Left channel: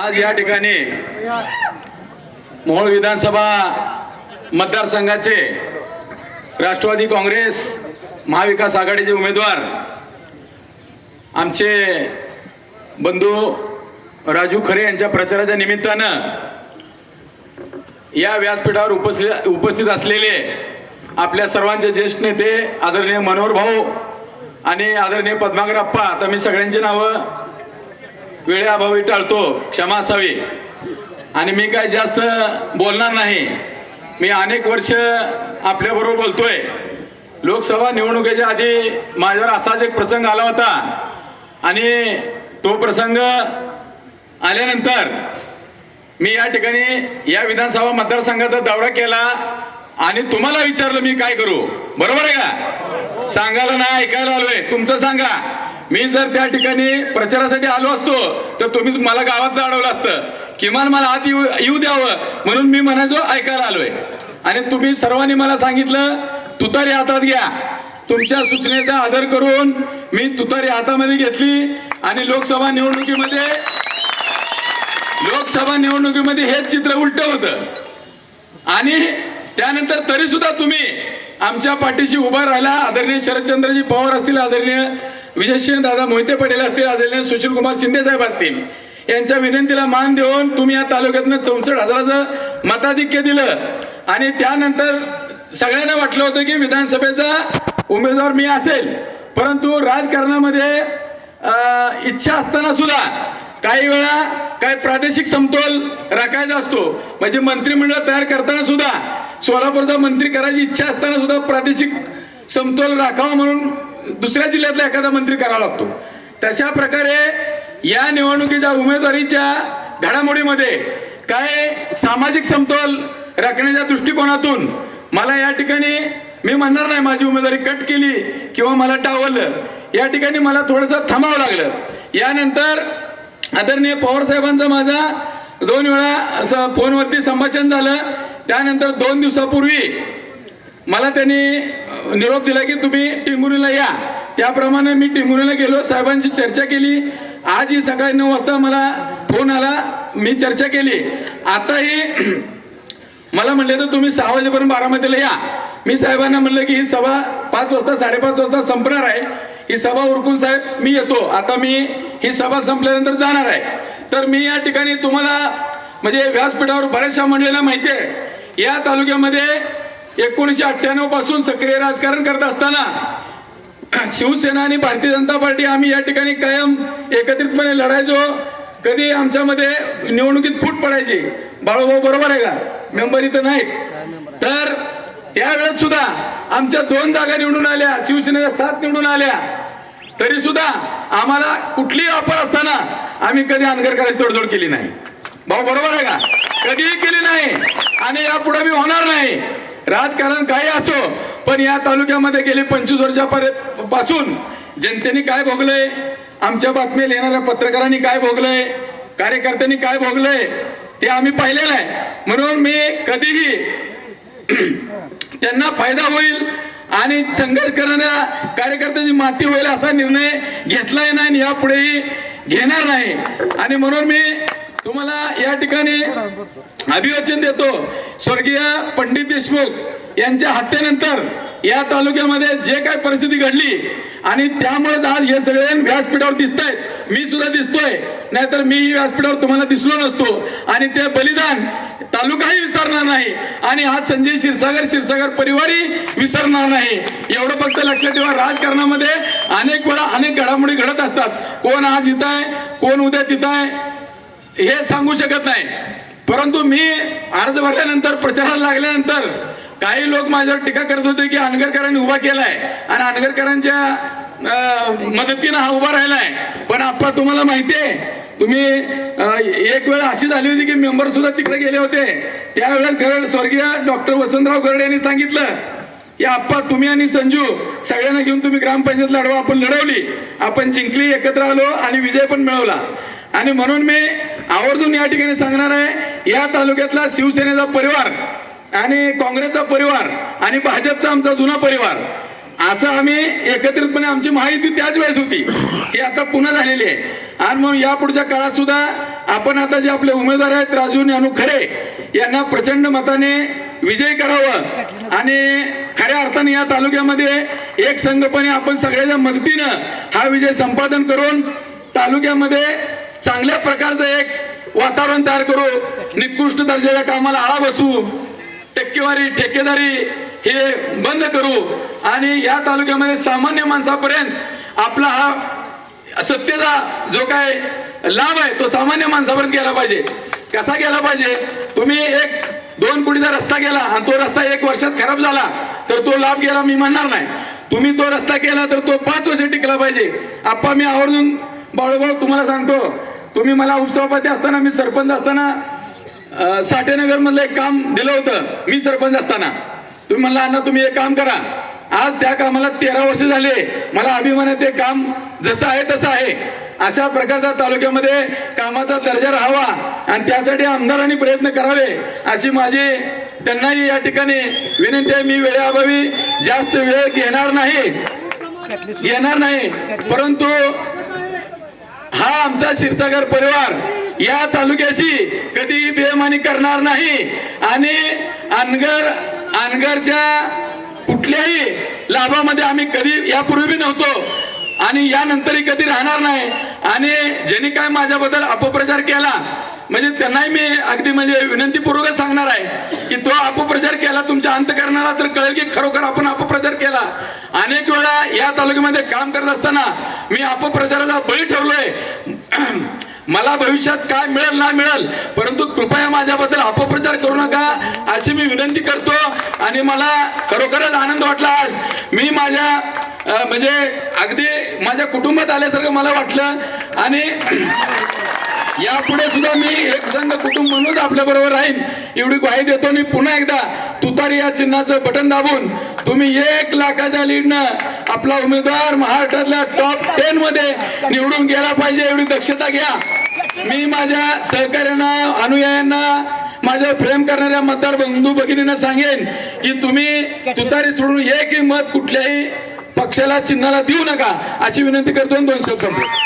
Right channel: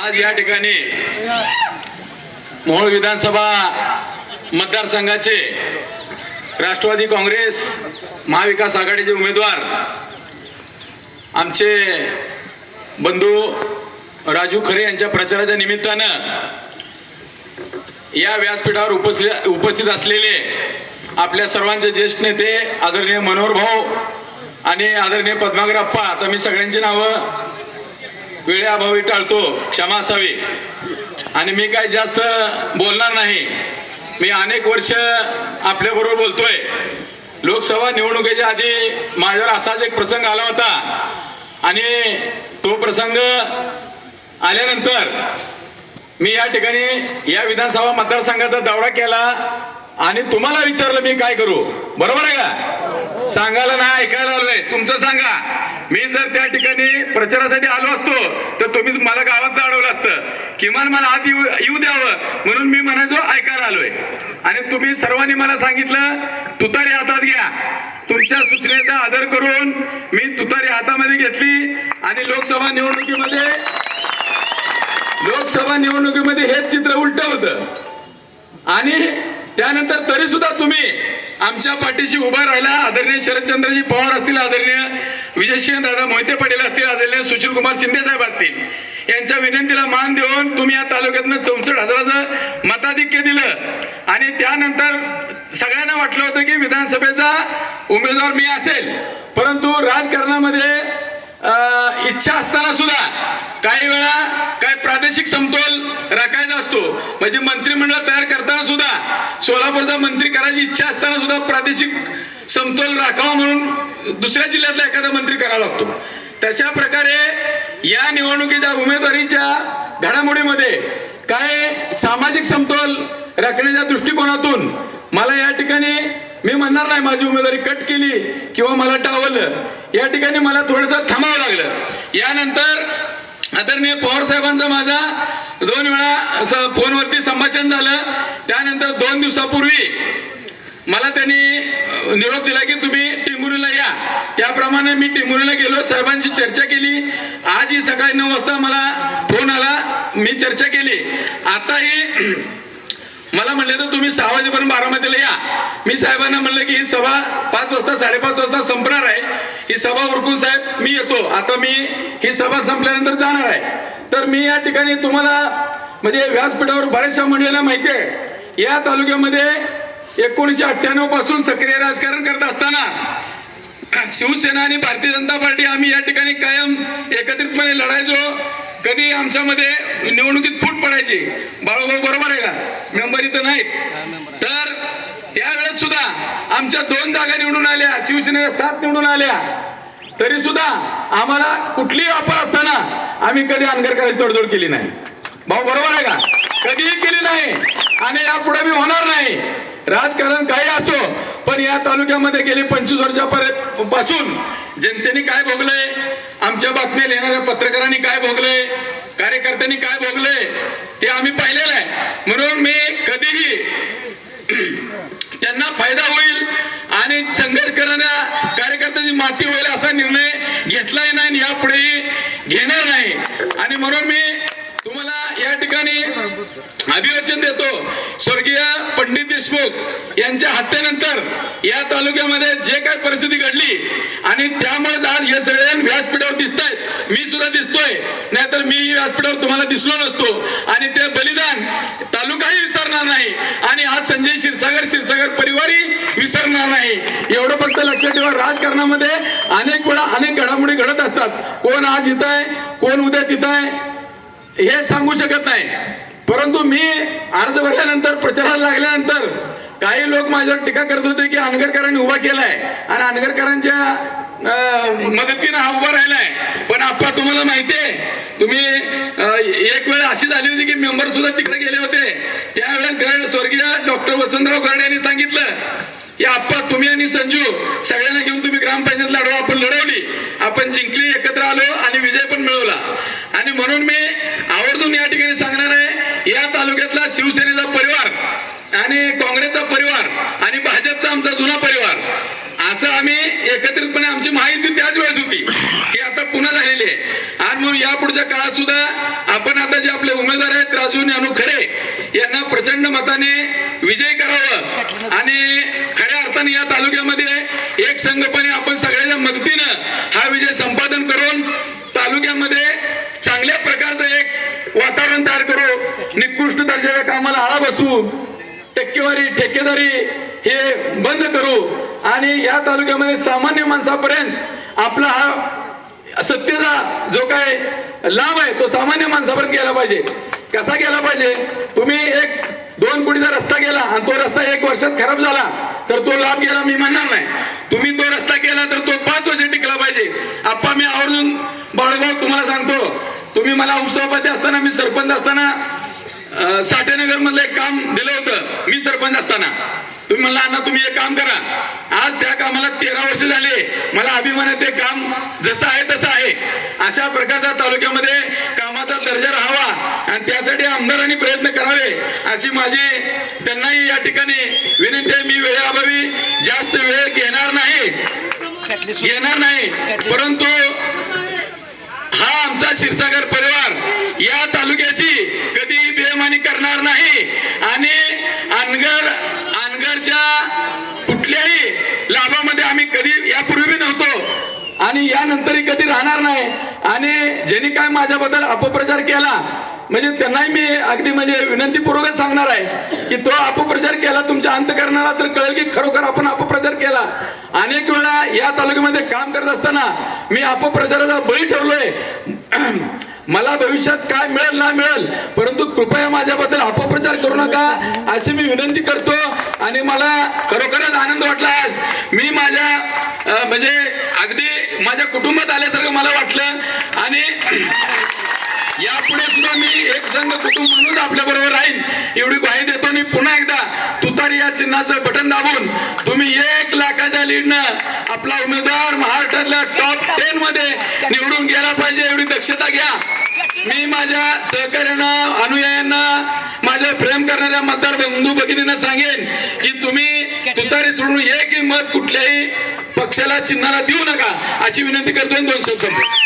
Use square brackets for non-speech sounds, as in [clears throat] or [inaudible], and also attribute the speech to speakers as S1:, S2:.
S1: आज या ठिकाणी मोहोळ विधानसभा मतदारसंघाचे राष्ट्रवादी काँग्रेस महाविकास आघाडीचे उमेदवार आमचे बंधू राजू खरे यांच्या प्रचाराच्या निमित्तानं या व्यासपीठावर उपस्थित उपस्थित असलेले आपल्या सर्वांचे ज्येष्ठ नेते आदरणीय मनोहर भाऊ आणि आदरणीय पद्माकर अप्पा आता मी सगळ्यांची नावं वेळेअभावी टाळतो क्षमा असावी. आणि मी काय जास्त बोलणार नाही. मी अनेक वर्ष आपल्याबरोबर बोलतोय. लोकसभा निवडणुकीच्या आधी माझ्यावर असाच एक प्रसंग आला होता. आणि तो प्रसंग आल्यानंतर मी या ठिकाणी या विधानसभा मतदारसंघाचा दौरा केला आणि तुम्हाला विचारलं मी काय करू. बरोबर आहे का? सांगायला ना ऐकायला आलोय. तुमचं सांगा. मी जर त्या ठिकाणी प्रचारासाठी आलो असतो तर तुम्ही मला गावात अडवलं असतं. किमान मला आत येऊ येऊ द्यावं म्हणून मी म्हणायचो ऐकायला आलोय. आणि तुम्ही सर्वांनी मला सांगितलं तुतारी हातात घ्या. तुमच्या सूचनेचा आदर करून मी तुतारी हातामध्ये घेतली आणि लोकसभा निवडणुकीमध्ये लोकसभा निवडणुकीमध्ये हेच चित्र उलट होतं. आणि त्यानंतर तरी सुद्धा तुम्ही आमच्या पाठीशी उभा राहिला. आदरणीय शरदचंद्रजी पवार असतील आदरणीय विजयसिंह दादा मोहिते पटेल असतील आदरणीय सुशील कुमार शिंदे साहेब असतील यांच्या विनंतीला मान देऊन तुम्ही या तालुक्यातनं चौसष्ट हजाराचं मताधिक्य दिलं. आणि त्यानंतर सगळ्यांना वाटलं होतं की विधानसभेचा उमेदवार मी असेल. परंतु राजकारणामध्ये इच्छा असताना सुद्धा काही वेळा काही प्रादेशिक समतोल राखायचा असतो. म्हणजे मंत्रिमंडळ तयार करताना सुद्धा सोलापूरचा मंत्री करायची इच्छा असताना सुद्धा प्रादेशिक समतोल राखावा म्हणून दुसऱ्या जिल्ह्यातला एखादा मंत्री करावा लागतो. तशा प्रकारे या निवडणुकीच्या उमेदवारीच्या घडामोडीमध्ये काय सामाजिक समतोल राखण्याच्या दृष्टिकोनातून मला या ठिकाणी मी म्हणणार नाही माझी उमेदवारी कट केली किंवा मला टावलं या ठिकाणी मला थोडंसं थांबावं लागलं. यानंतर आदरणीय पवार साहेबांचा माझा दोन वेळा असं फोनवरती संभाषण झालं. त्यानंतर दोन दिवसापूर्वी मला त्यांनी निरोप दिला की तुम्ही टिंबुरीला या. त्याप्रमाणे मी टिंबुरीला गेलो साहेबांची चर्चा केली. आज ही सकाळी नऊ वाजता मला फोन आला मी चर्चा केली. आताही [clears throat] मला म्हणलं तर तुम्ही सहा वाजेपर्यंत बारामतीला या. मी साहेबांना म्हणलं की ही सभा पाच वाजता साडेपाच वाजता संपणार आहे. ही सभा उरकून साहेब मी येतो. आता मी ही सभा संपल्यानंतर जाणार आहे. तर मी या ठिकाणी तुम्हाला म्हणजे व्यासपीठावर बऱ्याचशा मंडळींना माहिती आहे या तालुक्यामध्ये एकोणीसशे अठ्ठ्याण्णवपासून सक्रिय राजकारण करत असताना शिवसेना आणि भारतीय जनता पार्टी आम्ही या ठिकाणी कायम एकत्रितपणे लढायचो. कधी आमच्यामध्ये निवडणुकीत फूट पडायची? बाळूभाऊ बरोबर आहे का? मेंबर इथं नाहीत. तर त्यावेळेस सुद्धा आमच्या दोन जागा निवडून आल्या शिवसेनेच्या सात निवडून आल्या. तरी सुद्धा आम्हाला कुठलीही ऑफर असताना आम्ही कधी अनगर करायची तडजोड केली नाही. भाऊ बरोबर आहे का? कधीही केली नाही आणि यापुढे मी होणार नाही. राजकारण काही असो पण या तालुक्यामध्ये गेली पंचवीस वर्षापर्यंत पासून जनतेने काय भोगलंय? आमच्या बातम्या लिहिणाऱ्या पत्रकारांनी काय भोगलंय? कार्यकर्त्यांनी काय भोगलंय? ते आम्ही पाहिलेलं आहे. म्हणून मी कधीही [clears throat] त्यांना फायदा होईल आणि संघर्ष करणाऱ्या कार्यकर्त्यांची माती होईल असा निर्णय घेतलाय नाही आणि यापुढेही घेणार नाही. आणि म्हणून मी तुम्हाला या ठिकाणी अभिवाचन देतो. स्वर्गीय पंडित देशमुख यांच्या हत्येनंतर या तालुक्यामध्ये जे काही परिस्थिती घडली आणि त्यामुळे आज हे सगळे व्यासपीठावर दिसत आहेत मी सुद्धा दिसतोय. नाहीतर मी व्यासपीठावर तुम्हाला दिसलो नसतो. आणि ते बलिदान तालुकाही विसरणार नाही. आणि आज संजय क्षीरसागर क्षीरसागर परिवारही विसरणार नाही. एवढं फक्त लक्षात ठेवा. राजकारणामध्ये अनेक वेळा अनेक घडामोडी घडत असतात. कोण आज इथं आहे? कोण उद्या तिथं आहे? हे सांगू शकत नाही. परंतु मी अर्ज भरल्यानंतर प्रचाराला लागल्यानंतर काही लोक माझ्यावर टीका करत होते की अनगरकरांनी उभा केलाय आणि अनगरकरांच्या मदतीनं हा उभा राहिलाय. पण आप्पा तुम्हाला माहिती आहे तुम्ही एक वेळ अशी झाली होती की मेंबर सुद्धा तिकडे गेले होते. त्यावेळेस स्वर्गीय डॉक्टर वसंतराव गरड यांनी सांगितलं या आप्पा तुम्ही आणि संजू सगळ्यांना घेऊन तुम्ही ग्रामपंचायत लढवा आपण लढवली. आपण जिंकली एकत्र आलो आणि विजय पण मिळवला. आणि म्हणून मी आवर्जून या ठिकाणी सांगणार आहे या तालुक्यातला शिवसेनेचा परिवार आणि काँग्रेसचा परिवार आणि भाजपचा आमचा जुना परिवार असं आम्ही एकत्रितपणे आमची माहिती त्याच वेळेस होती ही आता पुन्हा झालेली आहे. आणि म्हणून या पुढच्या काळात सुद्धा आपण आता जे आपले उमेदवार आहेत राजू ज्ञानू खरे यांना प्रचंड मताने विजय करावं आणि खऱ्या अर्थाने या तालुक्यामध्ये एक संघपणे आपण सगळ्याच्या मदतीनं हा विजय संपादन करून तालुक्यामध्ये चांगल्या प्रकारचं एक वातावरण तयार करू. निकृष्ट दर्जाच्या कामाला आळा बसू. टक्केवारी ठेकेदारी हे बंद करू. आणि या तालुक्यामध्ये सामान्य माणसापर्यंत आपला हा सत्तेचा जो काय लाभ आहे तो सामान्य माणसापर्यंत गेला पाहिजे. कसा गेला पाहिजे? तुम्ही एक दोन कोटीचा रस्ता गेला आणि तो रस्ता एक वर्षात खराब झाला तर तो लाभ गेला मी म्हणणार नाही. तुम्ही तो रस्ता केला तर तो पाच वर्ष टिकला पाहिजे. आप्पा मी आवर्जून बाळूभाऊ तुम्हाला सांगतो तुम्ही मला उपसभापती असताना मी सरपंच असताना साठेनगर मधलं एक काम दिलं होतं मी सरपंच असताना. तुम्ही म्हणला अण्णा तुम्ही एक काम करा आज त्या कामाला तेरा वर्ष झाले. मला अभिमान आहे ते काम जसं आहे तसं आहे. अशा प्रकारच्या तालुक्यामध्ये कामाचा दर्जा राहावा आणि त्यासाठी आमदारांनी प्रयत्न करावे अशी माझी त्यांनाही या ठिकाणी विनंती आहे. मी वेळेअभावी जास्त वेळ घेणार नाही. येणार नाही. परंतु हा आमचा क्षीरसागर परिवार या तालुक्याशी कधी बेमानी करणार नाही. आणि अनगर अनगरच्या कुठल्याही लाभामध्ये आम्ही कधी यापूर्वी नव्हतो. आणि यानंतरही कधी राहणार नाही. आणि ज्यांनी काय माझ्याबद्दल अपप्रचार केला म्हणजे त्यांनाही मी अगदी म्हणजे विनंतीपूर्वक सांगणार आहे की तो अपप्रचार केला तुमच्या अंतकरणाला तर कळेल की खरोखर आपण अपप्रचार केला. अनेक वेळा या तालुक्यामध्ये काम करत असताना मी अपप्रचाराचा बळी ठरलोय. मला भविष्यात काय मिळेल ना मिळेल परंतु कृपया माझ्याबद्दल अपप्रचार करू नका अशी मी विनंती करतो. आणि मला खरोखरच आनंद वाटला आज. मी माझ्या म्हणजे अगदी माझ्या कुटुंबात आल्यासारखं मला वाटलं. आणि [clears throat] यापुढे सुद्धा मी एक संघ कुटुंब म्हणूनच आपल्या बरोबर राहीन एवढी ग्वाही देतो. आणि पुन्हा एकदा तुतारी या चिन्हाचं बटन दाबून तुम्ही एक लाखाच्या लीडनं आपला उमेदवार महाराष्ट्रातल्या टॉप टेन मध्ये निवडून गेला पाहिजे एवढी दक्षता घ्या. मी माझ्या सहकार्यांना अनुयायांना माझ्या प्रेम करणाऱ्या मतदार बंधू भगिनींना सांगेन की तुम्ही तुतारी सोडून एकही मत कुठल्याही पक्षाला चिन्हाला देऊ नका अशी विनंती करतो दोन शब्द संपतो